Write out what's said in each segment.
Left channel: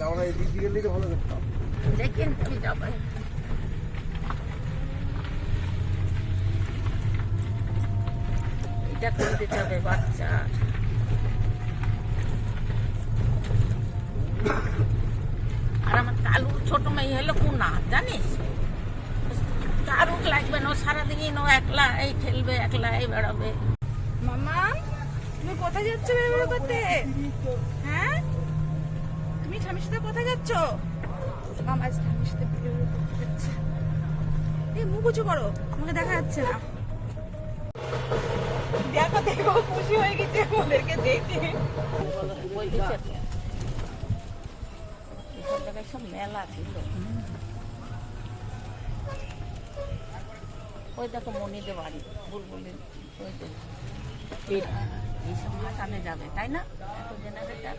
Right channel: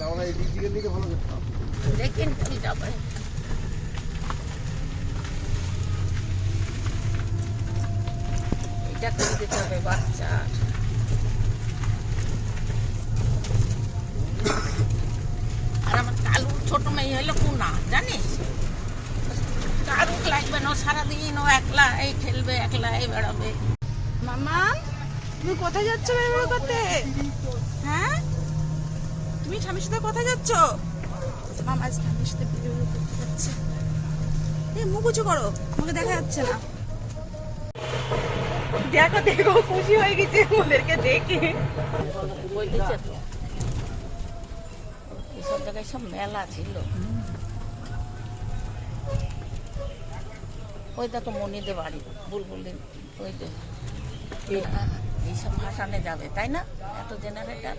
এই দিক থেকে দিকে ভালো দেখতাম দেখেন কি যাবে। এটা করে দিতে হবে বাচ্চার আর আমার কালুর ছোট মেয়ে হলো কুনা জানিস? কারুক লাগবে না সারাদিন ও একলা এই খেলবে একলা এই বেড়াবে। মামা তুমি কোথায় যাচ্ছ করতে? হ্যাঁ? তুমি স্বামীর সাথে কোথায় যাচ্ছ? মামা স্বামীর সাথে করতে যাচ্ছে। এই মুখ উঁচু করো আমাকে দেখা যাচ্ছে না। দেখো দেখো খুশি হয়ে গেছে ওদেরকে দেখে। এসব জায়গায় সব মেলা ছিল। ওই দেখো মনিদের বাড়ি বুলবুলি ওই দেখ এইসব ভাসানে যাবে তাই না? এত জেনারেটার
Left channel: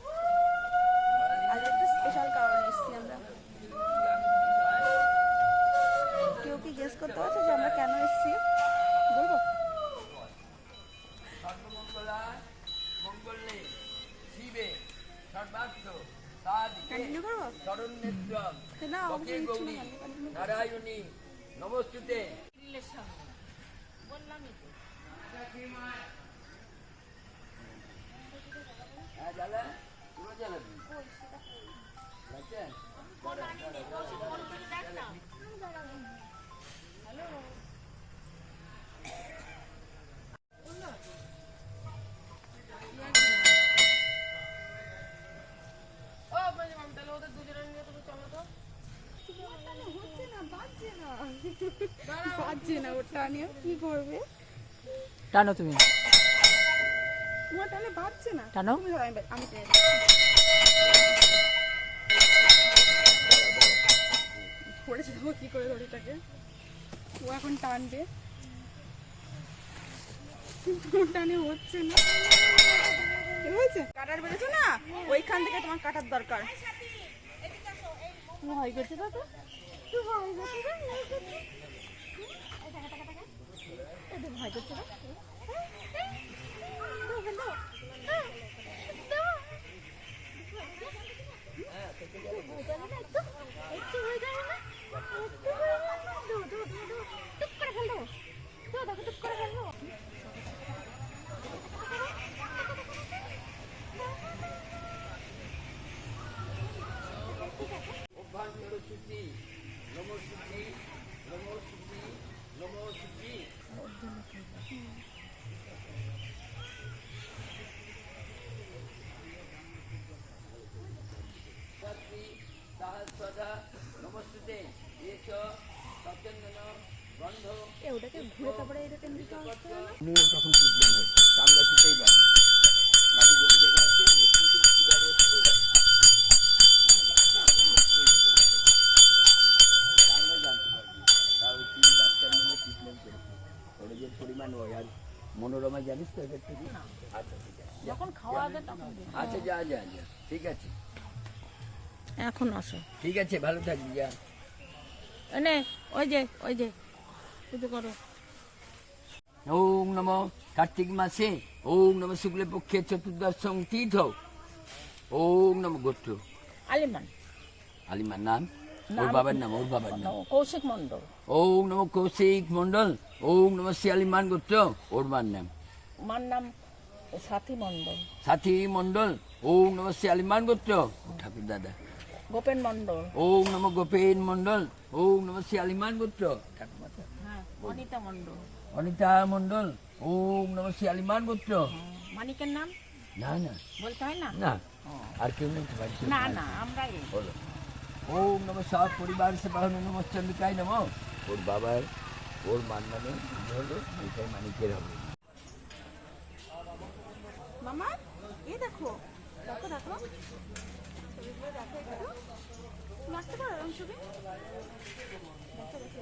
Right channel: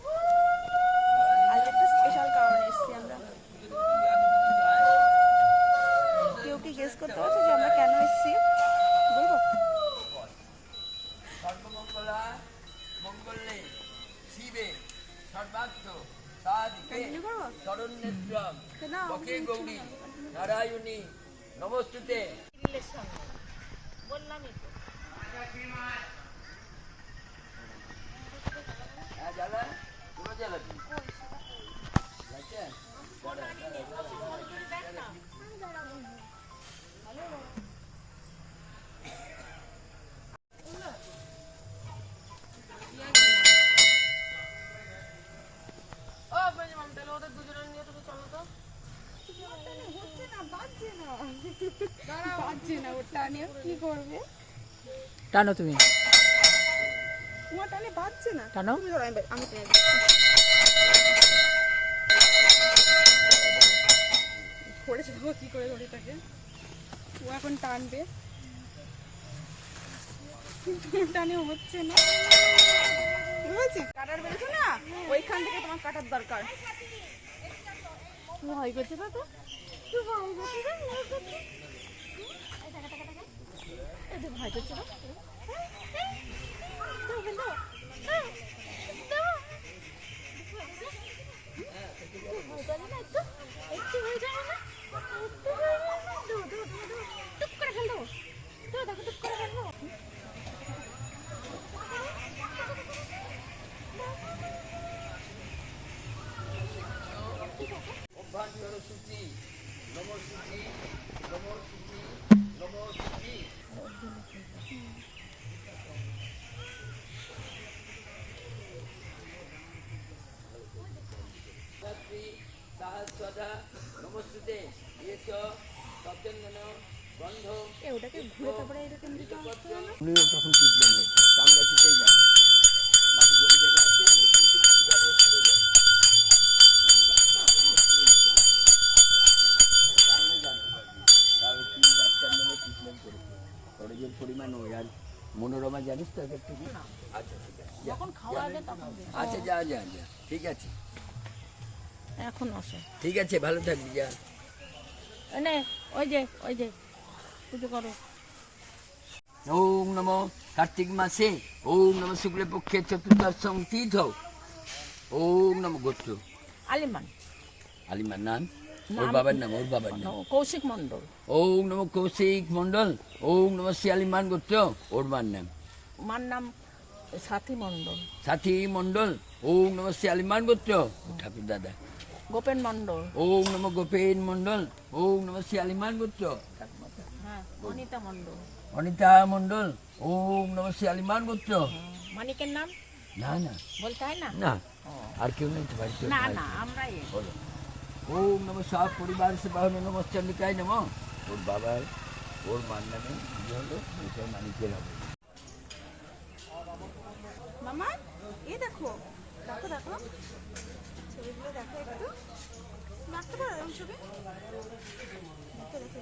করতে পারছ যে আমরা কেন এসেছি? বলব? নমস্তুতে। হ্যাঁ জ্বালা তোমার জ্বালাবি লাগছে? ওর টানে তুমি। তোমার টানে। বাজছে না টানো ধরো, আমি ধরেছে কি করে দড়িটাকে ও এখন টানবে টানে হচ্ছে না হয়েছে কাটার বেড়েছো না ওইখান থেকে তোমার কাটার দরকার ভয় করছে তো তো তুই ভয় ভয় করছে ভয় ভয় করে না একটু একটু হয়ে যাবে না একটু হয়ে যাবে না দো দো দো দো টুক করে ফেল দেবো দো দেখো টুক করে ফেল দেবো অভ্যন্তর সূচি নম সূচি নম সূচি নম সূচি সাহস্রদা নমস্তুতে এস বন্ধ এ ওটাকে ঘুরে তারপরে এটাকে দিতে আসতে হবে না? উনিও তখন ট্রিটমেন্ট হচ্ছে চামড়া ছুটেই যান। মাটি জমি জায়গা আছে মেশিনটি কীভাবে পড়ে যায় জানলে জানতে পারবি। তাহলে তুই ডাক্তার নামে ট্রিটমেন্ট যে পরিমাণ হয় আর মনোরমা জানিস তো এদের থেকে? আচ্ছা ঠিক আছে। যখন খাওয়াবে তখন আচ্ছা যা যা যা। ঠিক আছে। এখন আসো। ঠিক আছে ভালো থাকবি যা। এনে ওই যে ওই যে। করো। ওম নম কার্তিক মাসে ওম নম শুক্ল পক্ষে চতুর্দশম তীর্থ। ওম নম গোত্র। আলিমান। আলিমার নাম? ওর বাবার নাম ওর বাবার নাম। কৌশিক মণ্ডল। ওম নম কৌশিক মন্ডল ওম নম শিয়ালিমান গোত্র ওর মার নাম। মার নাম সাথী মণ্ডল। সাথী মন্ডল ওম নম শিয়ালিমান গোত্র। ঠাকুর দাদা। গোপেন মণ্ডল। ওম নম গোপেন মন্ডল ওম নম শিয়ালিমান গোত্র। অনিতা মণ্ডল। অনিতা মন্ডল ওম নম শিয়ালিমান গোত্র। মানিকের নাম? না না। বলতে হয় না? না। আর কেউ নেই না না আমরাই। বলো। ওম নম সব পরিবার সে বাহন নম চন্দ্রিকায় নম। ওর বাবার ওর মার নামে হলো? এটাই মানিকের হবে। মামা এ দেখো দেখো দেখো। ছবিগুলো দেখো একটু। নাচতে পারো ছবি? দেখো দেখো।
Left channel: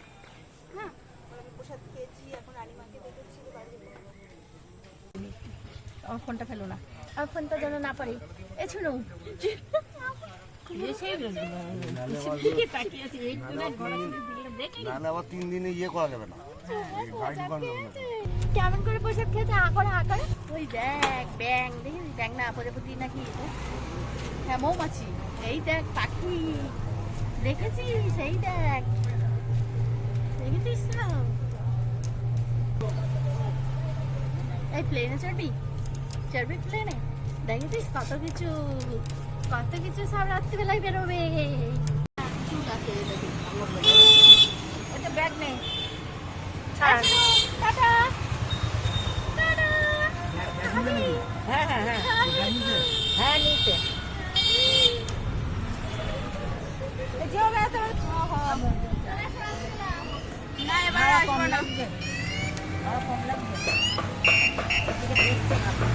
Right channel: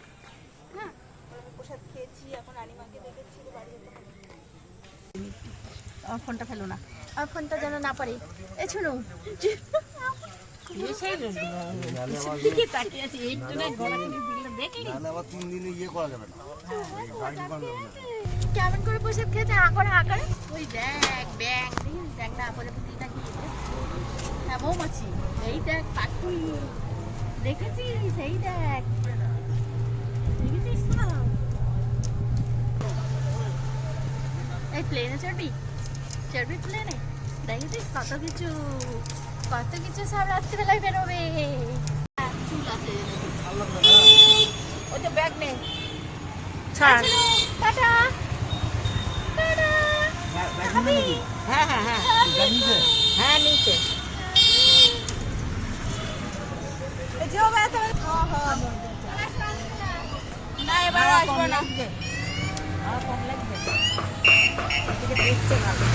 প্রসাদ খেয়েছি এখন রানিমাকে দেখেছি তো বাড়ি যাব। আমার ফোনটা ফেলো না। আমার ফোনটা যেন না পারে। এ শুনো। সেই ইয়ে কেমন করে প্রসাদ খেয়েছে আঁকড়ে আঁকড়ে ওই দেখ ব্যাং দেখিস দেখ না পরে বুদ্ধি নাকি হ্যাঁ মৌমাছি এই দেখ পাখি দেখেছিস এই দেখ। এই প্লেনে চড়বি? চড়বি প্লেনে দেখেছিস কত কিছু কত কিছু সব রাত্রিবেলায় বেরোবে। আছে তো ব্যাগ নেই হ্যাঁ হ্যাঁ হ্যাঁ। হ্যাঁ নিচে। না এবার কম লাগবে আর কম লাগবে। দেখছে ভালো